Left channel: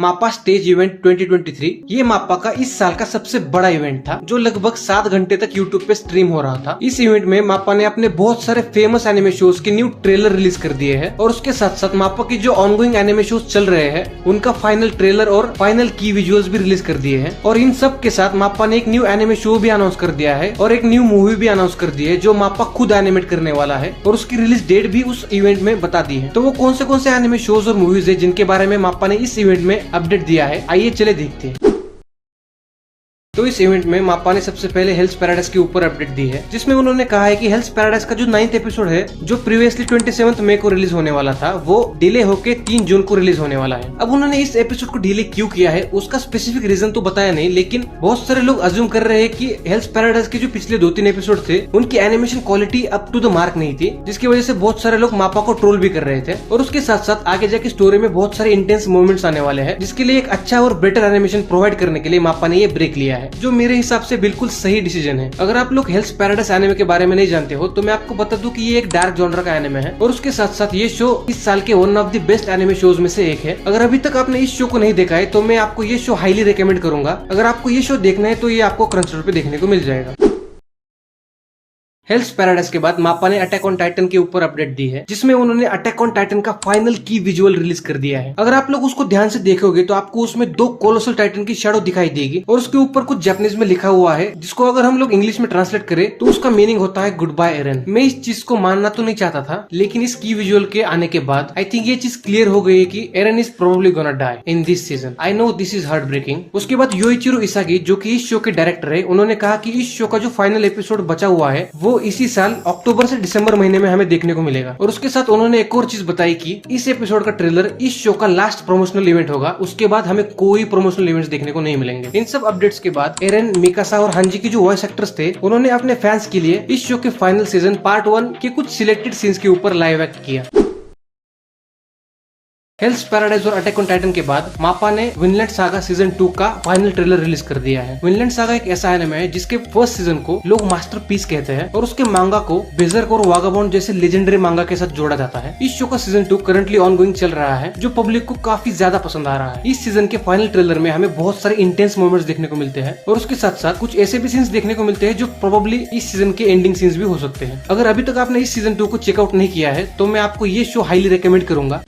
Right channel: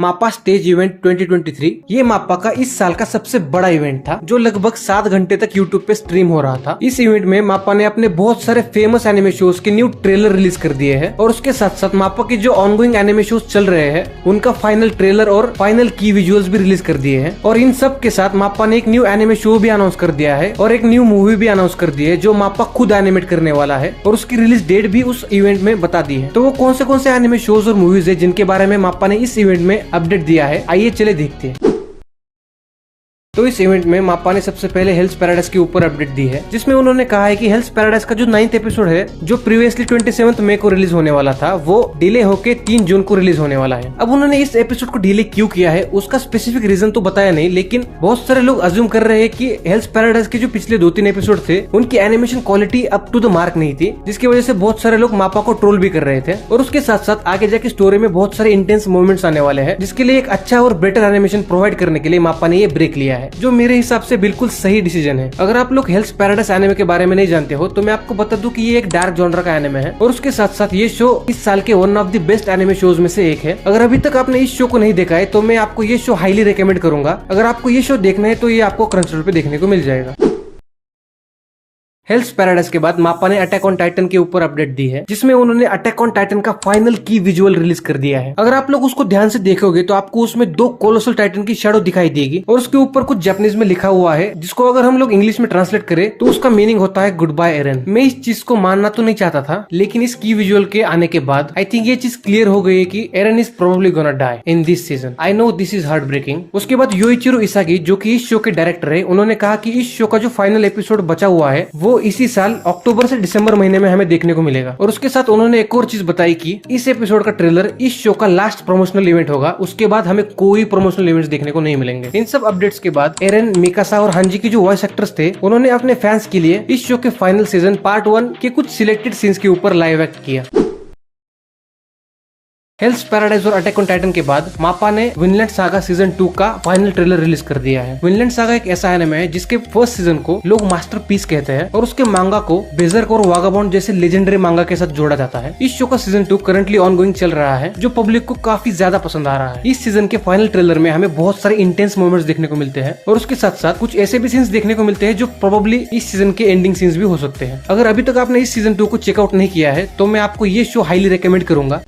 मापा stage event 2023 ये मापा का इस साल का सबसे बड़ा इवेंट था जो लगभग 7 घंटे तक यूट्यूब पे स्ट्रीम हो रहा था। इस इवेंट में मापा ने अपने बहुत सारे फेमस एनिमे शोज के न्यू ट्रेलर रिलीज कर दिए हैं और उसके साथ साथ मापा की जो ऑनगोइंग एनिमे शोज चल रहे हैं उनका फाइनल ट्रेलर और फाइनल की विजुअल्स भी रिलीज कर दिए हैं। और इन सब के साथ मापा ने एक न्यू एनिमे शो भी अनाउंस कर दिया है और एक न्यू मूवी भी अनाउंस कर दी है जो मापा खुद एनिमेट करने वाला है और उसकी रिलीज डेट भी उस इवेंट में बता दी है। तो वो कौन से एनिमे शोज और मूवीज है जिनके बारे में मापा ने इस इवेंट में अपडेट दिया है, आइए चले देखते हैं। तो इस इवेंट में मापा ने सबसे पहले हेल्स पैराडाइज के ऊपर अपडेट दी है जिसमें उन्होंने कहा है कि हेल्स पैराडाइज का जो 9th एपिसोड है जो प्रीवियसली 27 मई को रिलीज होने वाला था वो डिले होके 3 जून को रिलीज होने वाला है। अब उन्होंने इस एपिसोड को डिले क्यों किया है उसका स्पेसिफिक रीजन तो बताया नहीं, लेकिन बहुत सारे लोग अज्यूम कर रहे हैं कि हेल्स पैराडाइज के जो पिछले 2-3 एपिसोड थे उनकी animation quality up to the mark नहीं थी, जिसकी वजह से बहुत सारे लोग मापा को ट्रोल भी कर रहे थे। और उसके साथ साथ आगे जाके स्टोरी में बहुत सारे इंटेंस मोमेंट्स आने वाले हैं जिसके लिए एक अच्छा और बेटर एनिमेशन प्रोवाइड करने के लिए मापा ने ये ब्रेक लिया है, जो मेरे हिसाब से बिल्कुल सही डिसीजन है। अगर आप लोग हेल्स पैराडाइज एनिमे के बारे में नहीं जानते हो तो मैं आपको बता दूं कि ये एक डार्क जॉनर का एनिमे है और उसके साथ साथ ये शो इस साल के one of the best anime shows में से एक है। अगर अभी तक आपने इस शो को नहीं देखा है तो मैं आपको ये शो हाईली रिकमेंड करूंगा। अगर आपको ये शो देखना है तो ये आपको क्रंचरोल पे देखने को मिल जाएगा। हेल्स पैराडाइज के बाद मापा ने अटैक ऑन टाइटन के ऊपर अपडेट दी है जिसमें उन्होंने अटैक ऑन टाइटन का फाइनल की विजुअल रिलीज कर दिया है। अगर आप लोग उसको ध्यान से देखोगे तो आपको उसमें 2 कोलोसल टाइटन की शैडो दिखाई देगी और उसके ऊपर कुछ जापानीज में लिखा हुआ है जिसको अगर हम लोग इंग्लिश में ट्रांसलेट करें तो उसका मीनिंग होता है गुड बाय एरन। मैं इस चीज को मानना तो नहीं चाहता था, लेकिन इस की विजुअल के आने के बाद आई थिंक ये चीज क्लियर हो गई है कि Aaron is probably gonna die in this season. I know this is heartbreaking. उसके बाद योइचिरो इसागी जो कि इस शो के डायरेक्टर है, उन्होंने कहा कि इस शो का जो फाइनल एपिसोड बचा हुआ है वो इसी साल अक्टूबर से दिसंबर महीने में हमें देखने को मिलेगा। और उसके साथ उन्होंने एक और चीज बताई कि इस एपिसोड का ट्रेलर इस शो का लास्ट प्रमोशनल इवेंट होगा, उसके बाद हमें कोई प्रमोशनल इवेंट्स देखने को नहीं मिलेंगे। इन सब अपडेट्स के बाद एरन, मिकासा और हांजी की जो वॉइस एक्टर्स थे उन्होंने अपने फैंस के लिए इस शो के फाइनल सीजन पार्ट 1 के कुछ सिलेक्टेड सीन्स के ऊपर लाइव एक्ट किया। हेल्स पैराडाइज और अटैक ऑन टाइटन के बाद मापा ने विनलैंड सागा सीजन 2 का फाइनल ट्रेलर रिलीज कर दिया है। विनलैंड सागा एक ऐसा एनिमे है जिसके फर्स्ट सीजन को लोग मास्टरपीस कहते हैं और उसके मांगा को बेजर्क और वागाबॉन्ड जैसे लेजेंडरी मांगा के साथ जोड़ा जाता है। इस शो का सीजन 2 करंटली ऑनगोइंग चल रहा है जो पब्लिक को काफी ज्यादा पसंद आ रहा है। इस सीजन के फाइनल ट्रेलर में हमें बहुत सारे इंटेंस मोमेंट्स देखने को मिलते हैं और उसके साथ साथ कुछ ऐसे भी सीन्स देखने को मिलते हैं जो प्रोबेबली इस सीजन के एंडिंग सीन्स भी हो सकते हैं। अगर अभी तक आपने इस सीजन 2 को चेकआउट नहीं किया है तो मैं आपको ये शो हाईली रिकमेंड करूंगा।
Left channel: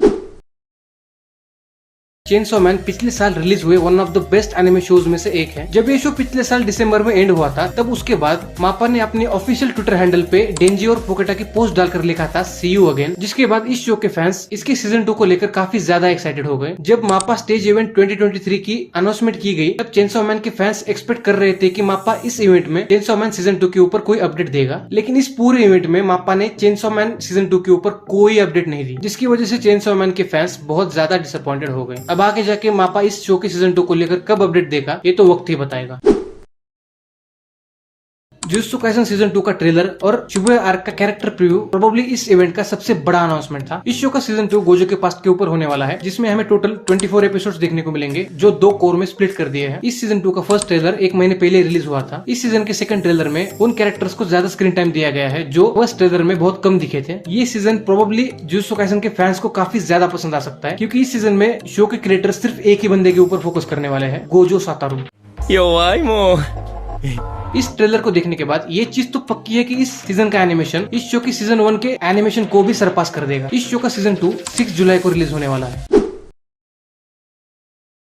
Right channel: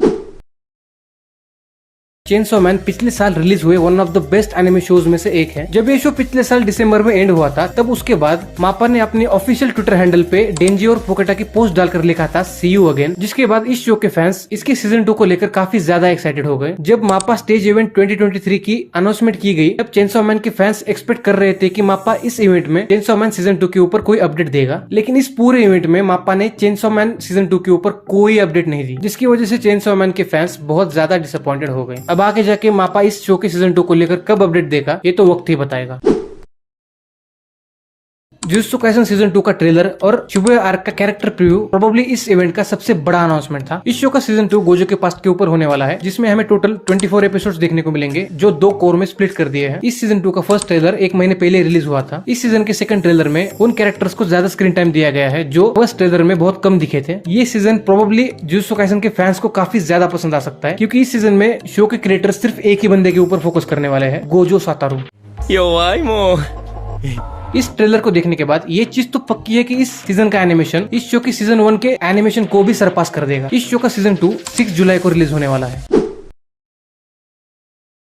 चेनसॉ मैन पिछले साल रिलीज हुए one of the best anime shows में से एक है। जब ये शो पिछले साल दिसंबर में एंड हुआ था तब उसके बाद मापा ने अपने ऑफिशियल ट्विटर हैंडल पे डेंजी और पोकेटा की पोस्ट डालकर लिखा था सी यू अगेन, जिसके बाद इस शो के फैंस इसके सीजन 2 को लेकर काफी ज्यादा एक्साइटेड हो गए। जब मापा स्टेज इवेंट 2023 की अनाउंसमेंट की गई तब चेनसॉ मैन के फैंस एक्सपेक्ट कर रहे थे कि मापा इस इवेंट में चेनसॉ मैन सीजन 2 के ऊपर कोई अपडेट देगा, लेकिन इस पूरे इवेंट में मापा ने चेनसॉ मैन सीजन 2 के ऊपर कोई अपडेट नहीं दी, जिसकी वजह से चेनसॉ मैन के फैंस बहुत ज्यादा डिसअपॉइंटेड हो गए। अब आगे जाके मापा इस शो के सीजन 2 को लेकर कब अपडेट देगा ये तो वक्त ही बताएगा। जुजुत्सु काइसेन सीजन 2 का ट्रेलर और शिबुया आर्क का कैरेक्टर प्रीव्यू प्रोबेबली इस इवेंट का सबसे बड़ा अनाउंसमेंट था। इस शो का सीजन 2 गोजो के पास्ट के ऊपर होने वाला है जिसमें हमें टोटल 24 एपिसोड्स देखने को मिलेंगे जो 2 कोर में स्प्लिट कर दिए हैं। इस सीजन 2 का फर्स्ट ट्रेलर 1 महीने पहले रिलीज हुआ था। इस सीजन के सेकंड ट्रेलर में उन कैरेक्टर्स को ज्यादा स्क्रीन टाइम दिया गया है जो फर्स्ट ट्रेलर में बहुत कम दिखे थे। ये सीजन प्रोबेबली जुजुत्सु काइसेन के फैंस को काफी ज्यादा पसंद आ सकता है क्योंकि इस सीजन में शो के क्रिएटर सिर्फ एक ही बंदे के ऊपर फोकस करने वाले हैं, गोजो सातारू। इस ट्रेलर को देखने के बाद ये चीज तो पक्की है कि इस सीजन का एनिमेशन इस शो की सीजन 1 के एनिमेशन को भी सरपास कर देगा। इस शो का सीजन 2 6 जुलाई को रिलीज होने वाला है।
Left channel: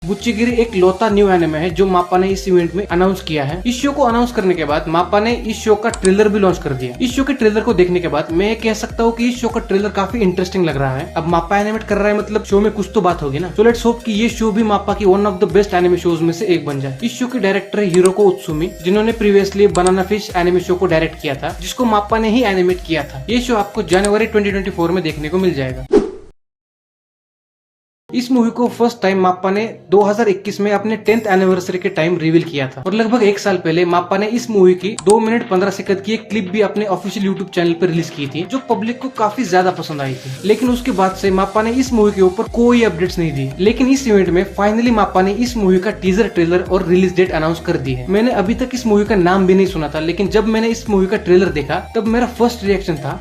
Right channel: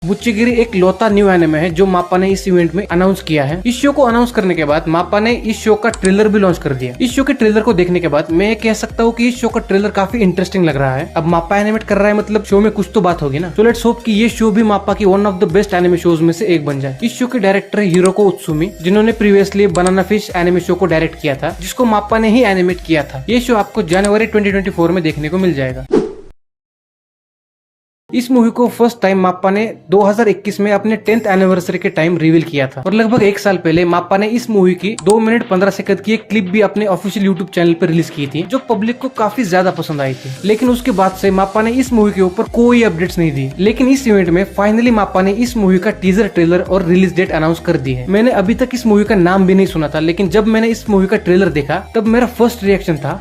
बुच्चीगिरी एक लौता न्यू एनिमे है जो मापा ने इस इवेंट में अनाउंस किया है। इस शो को अनाउंस करने के बाद मापा ने इस शो का ट्रेलर भी लॉन्च कर दिया। इस शो के ट्रेलर को देखने के बाद मैं कह सकता हूँ कि इस शो का ट्रेलर काफी इंटरेस्टिंग लग रहा है। अब मापा एनिमेट कर रहा है मतलब शो में कुछ तो बात होगी ना। तो लेट्स होप कि ये शो भी मापा की one of the best anime shows में से एक बन जाए। इस शो के डायरेक्टर है हिरोको उत्सुमी, जिन्होंने प्रीवियसली बनाना फिश एनिमे शो को डायरेक्ट किया था जिसको मापा ने ही एनिमेट किया था। ये शो आपको जनवरी 2024 में देखने को मिल जाएगा। इस मूवी को फर्स्ट टाइम मापा ने 2021 में अपने 10th एनिवर्सरी के टाइम रिवील किया था और लगभग 1 साल पहले मापा ने इस मूवी की 2 मिनट 15 सेकंड की एक क्लिप भी अपने ऑफिशियल यूट्यूब चैनल पर रिलीज की थी जो पब्लिक को काफी ज्यादा पसंद आई थी। लेकिन उसके बाद से मापा ने इस मूवी के ऊपर कोई अपडेट्स नहीं दी, लेकिन इस इवेंट में फाइनली मापा ने इस मूवी का टीजर ट्रेलर और रिलीज डेट अनाउंस कर दी है। मैंने अभी तक इस मूवी का नाम भी नहीं सुना था, लेकिन जब मैंने इस मूवी का ट्रेलर देखा तब मेरा फर्स्ट रिएक्शन था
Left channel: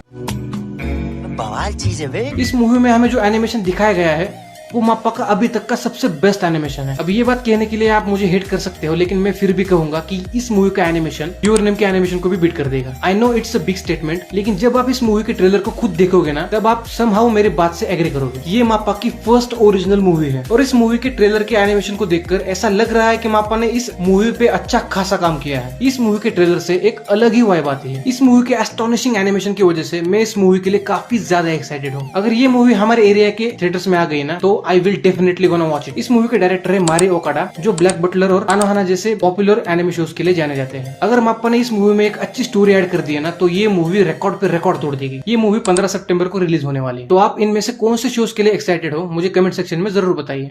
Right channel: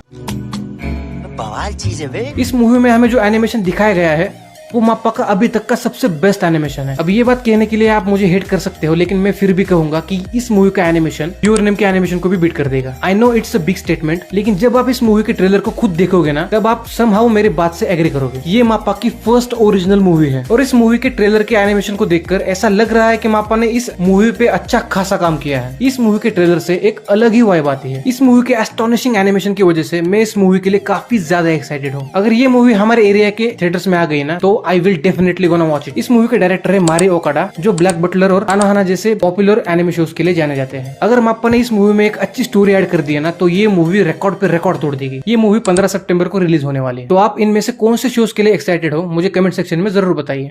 बवाल चीज है। इस मूवी में हमें जो एनिमेशन दिखाया गया है वो माप्पा का अभी तक का सबसे बेस्ट एनिमेशन है। अब ये बात कहने के लिए आप मुझे हेट कर सकते हो, लेकिन मैं फिर भी कहूंगा कि इस मूवी का एनिमेशन योर नेम के एनिमेशन को भी बीट कर देगा। I know it's a big statement, लेकिन जब आप इस मूवी के ट्रेलर को खुद देखोगे ना, तब आप समहाउ मेरी बात से एग्री करोगे। ये माप्पा की फर्स्ट ओरिजिनल मूवी है और इस मूवी के ट्रेलर के एनिमेशन को देखकर ऐसा लग रहा है कि माप्पा ने इस मूवी पे अच्छा खासा काम किया है। इस मूवी के ट्रेलर से एक अलग ही वाइब आती है। इस मूवी के एस्टोनिशिंग एनिमेशन की वजह से मैं इस मूवी के लिए काफी ज्यादा एक्साइटेड हूँ। अगर ये मूवी हमारे एरिया के थिएटर्स में आ गई ना, तो I will definitely gonna watch it. इस मूवी के डायरेक्टर है मारी ओकाडा, जो ब्लैक बटलर और आनाहाना जैसे पॉपुलर एनिमे शोज के लिए जाने जाते हैं। अगर माप्पा ने इस मूवी में एक अच्छी स्टोरी ऐड कर दी है ना, तो ये मूवी रिकॉर्ड पे रिकॉर्ड तोड़ देगी। ये मूवी 15 सितंबर को रिलीज होने वाली है। तो आप इनमें से कौन से शोज के लिए एक्साइटेड हो, मुझे कमेंट सेक्शन में जरूर बताइए।